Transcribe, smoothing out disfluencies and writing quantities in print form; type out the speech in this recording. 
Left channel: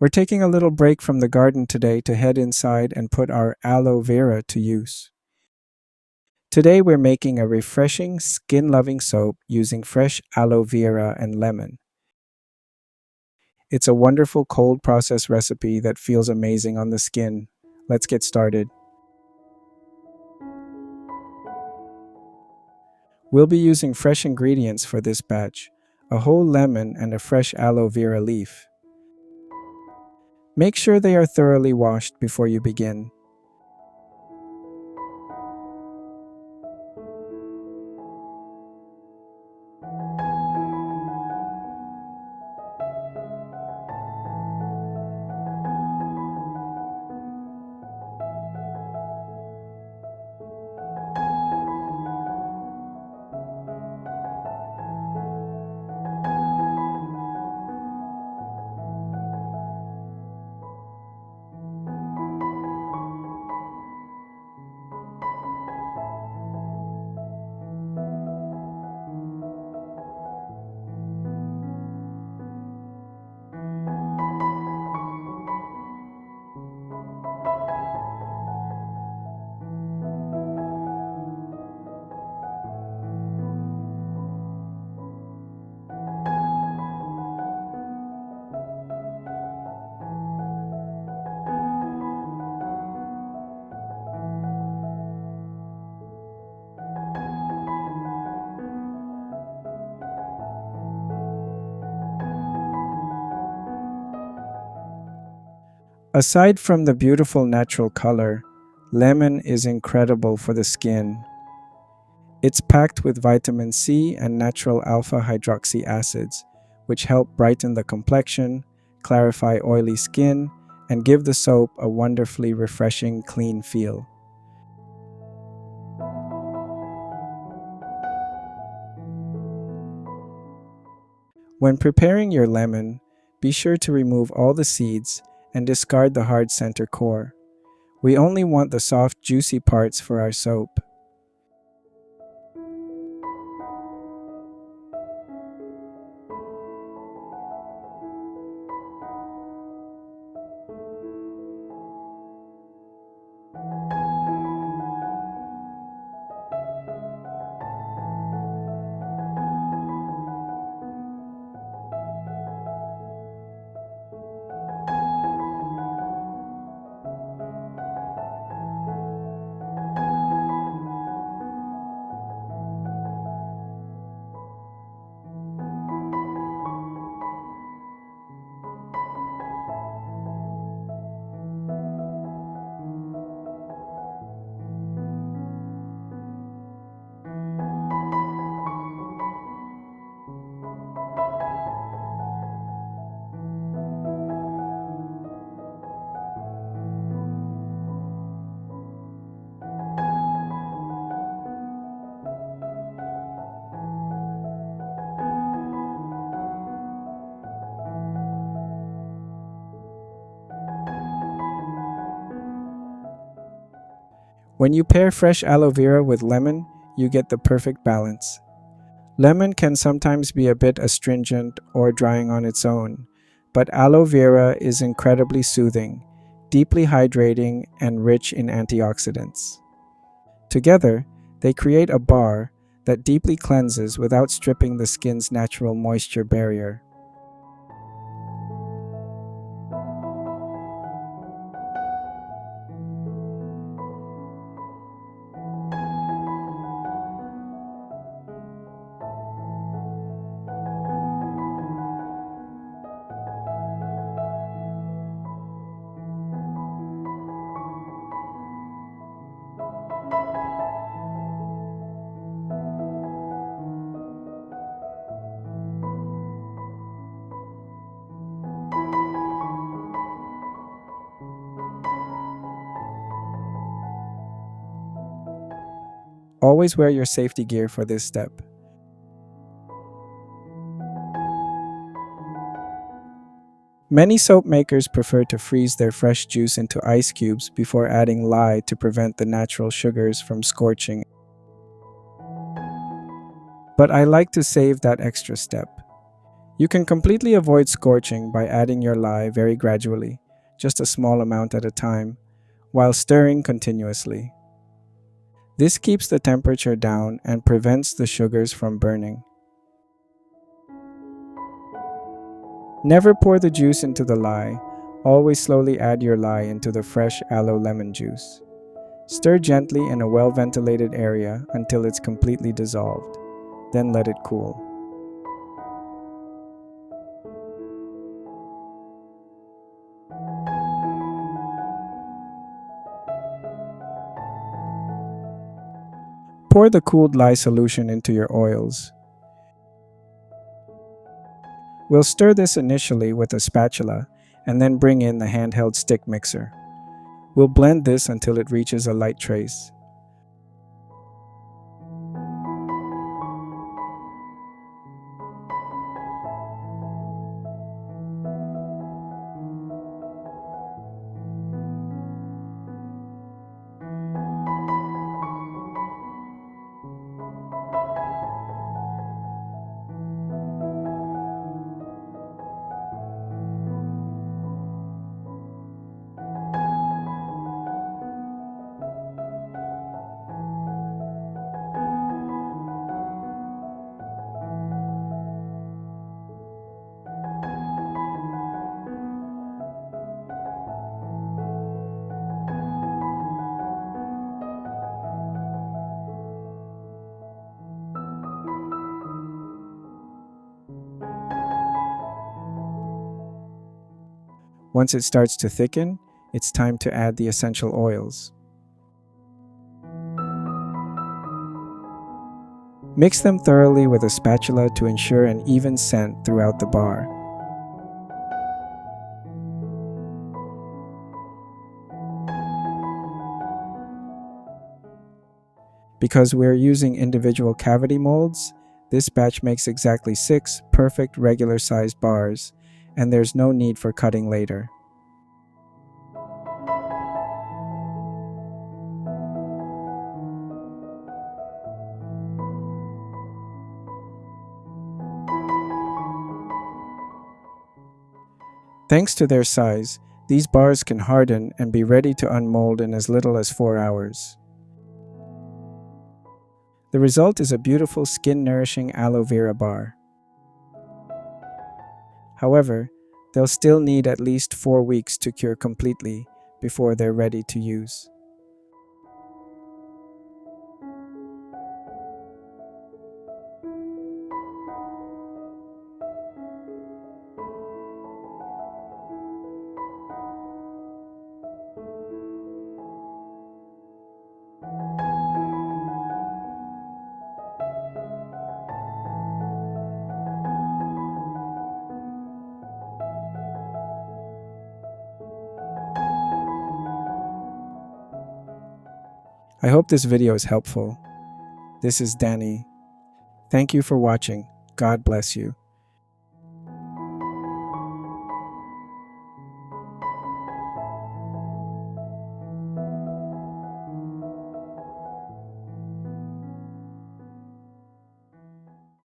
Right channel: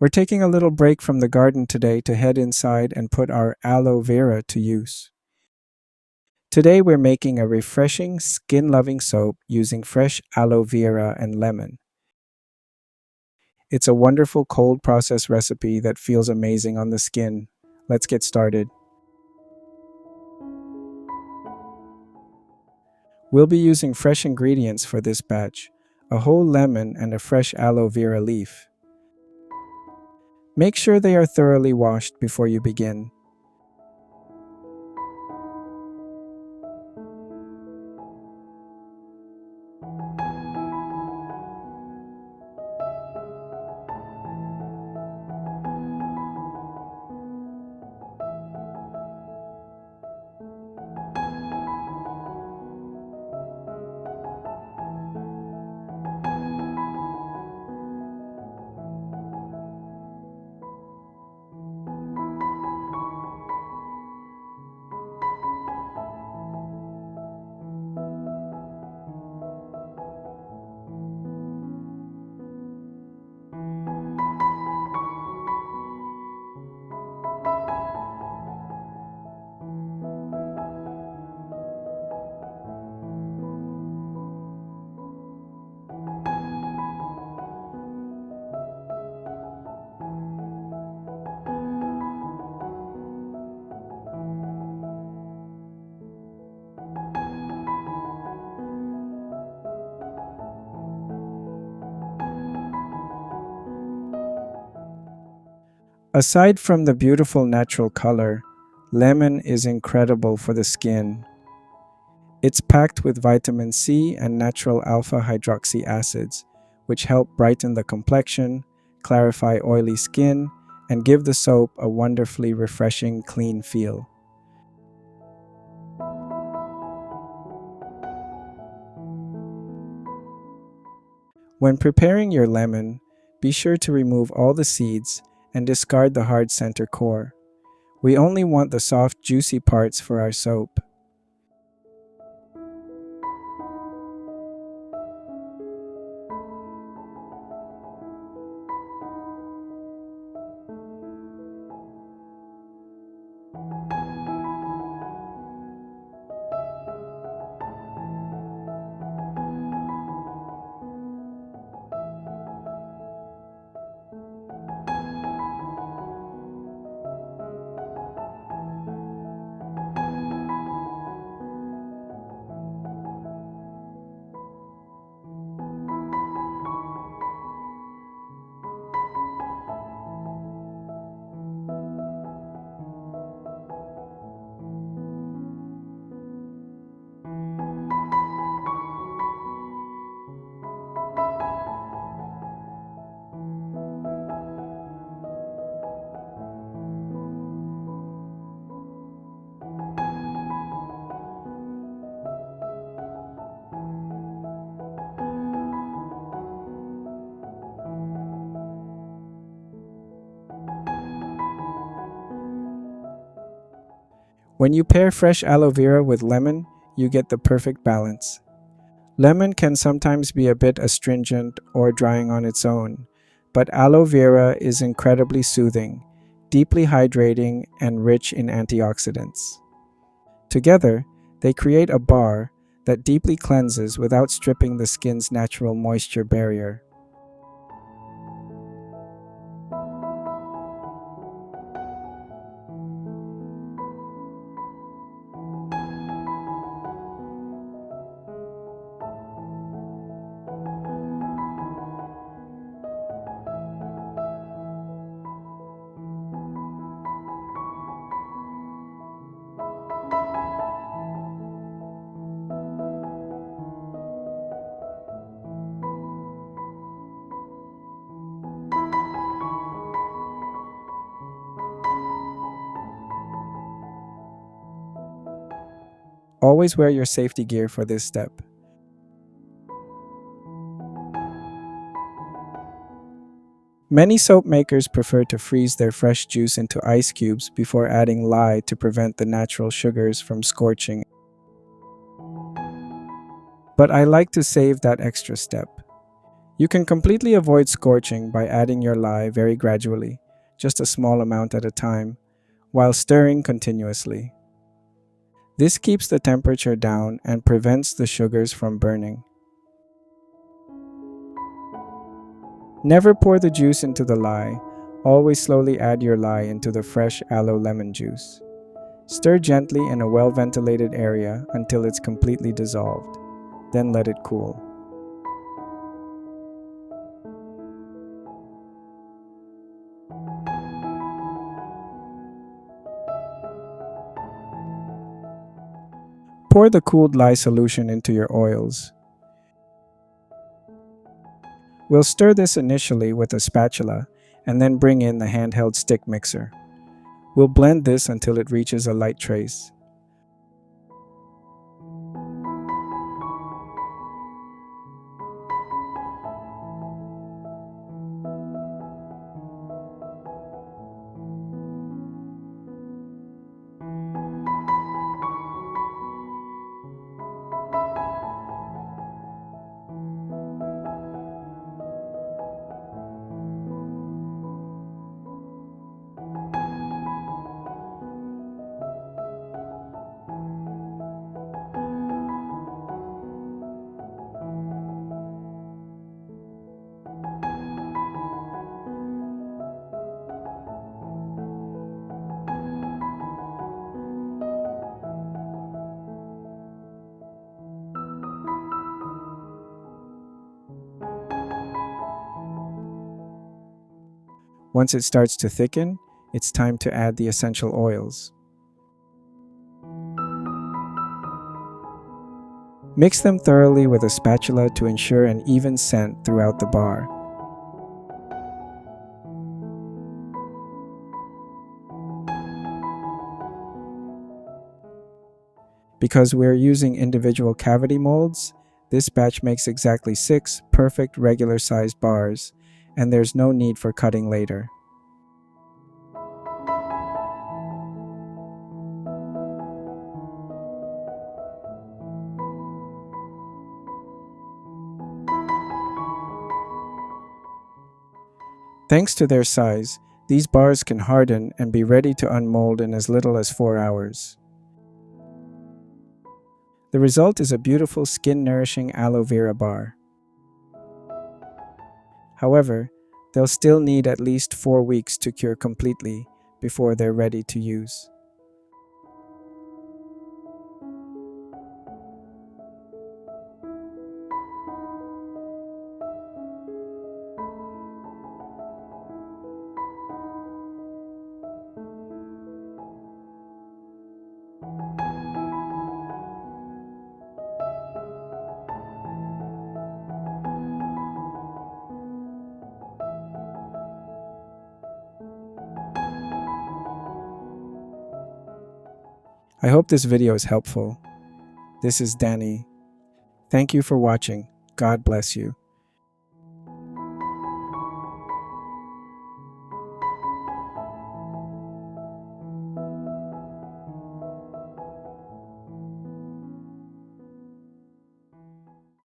We're taking a little break from the garden today to head inside and put our aloe vera to use. Today we're making a refreshing, skin-loving soap using fresh aloe vera and lemon. It's a wonderful cold process recipe that feels amazing on the skin. Let's get started. We'll be using fresh ingredients for this batch, a whole lemon and a fresh aloe vera leaf. Make sure they are thoroughly washed before you begin. Aside from the beautiful natural color, lemon is incredible for the skin. It's packed with vitamin C and natural alpha-hydroxy acids, which help brighten the complexion, clarify oily skin, and give the soap a wonderfully refreshing, clean feel. When preparing your lemon, be sure to remove all the seeds and discard the hard center core. We only want the soft, juicy parts for our soap. When you pair fresh aloe vera with lemon, you get the perfect balance. Lemon can sometimes be a bit astringent or drying on its own, but aloe vera is incredibly soothing, deeply hydrating, and rich in antioxidants. Together, they create a bar that deeply cleanses without stripping the skin's natural moisture barrier. Always wear your safety gear for this step. Many soap makers prefer to freeze their fresh juice into ice cubes before adding lye to prevent the natural sugars from scorching. But I like to save that extra step. You can completely avoid scorching by adding your lye very gradually, just a small amount at a time, while stirring continuously. This keeps the temperature down and prevents the sugars from burning. Never pour the juice into the lye. Always slowly add your lye into the fresh aloe lemon juice. Stir gently in a well-ventilated area until it's completely dissolved. Then let it cool. Pour the cooled lye solution into your oils. We'll stir this initially with a spatula and then bring in the handheld stick mixer. We'll blend this until it reaches a light trace. Once it starts to thicken, it's time to add the essential oils. Mix them thoroughly with a spatula to ensure an even scent throughout the bar. Because we're using individual cavity molds, this batch makes exactly 6 perfect regular-sized bars, and there's no need for cutting later. Thanks to their size, these bars can harden and be ready to unmold in as little as 4 hours. The result is a beautiful skin-nourishing aloe vera bar. However, they'll still need at least 4 weeks to cure completely before they're ready to use. I hope this video is helpful. This is Danny. Thank you for watching. God bless you.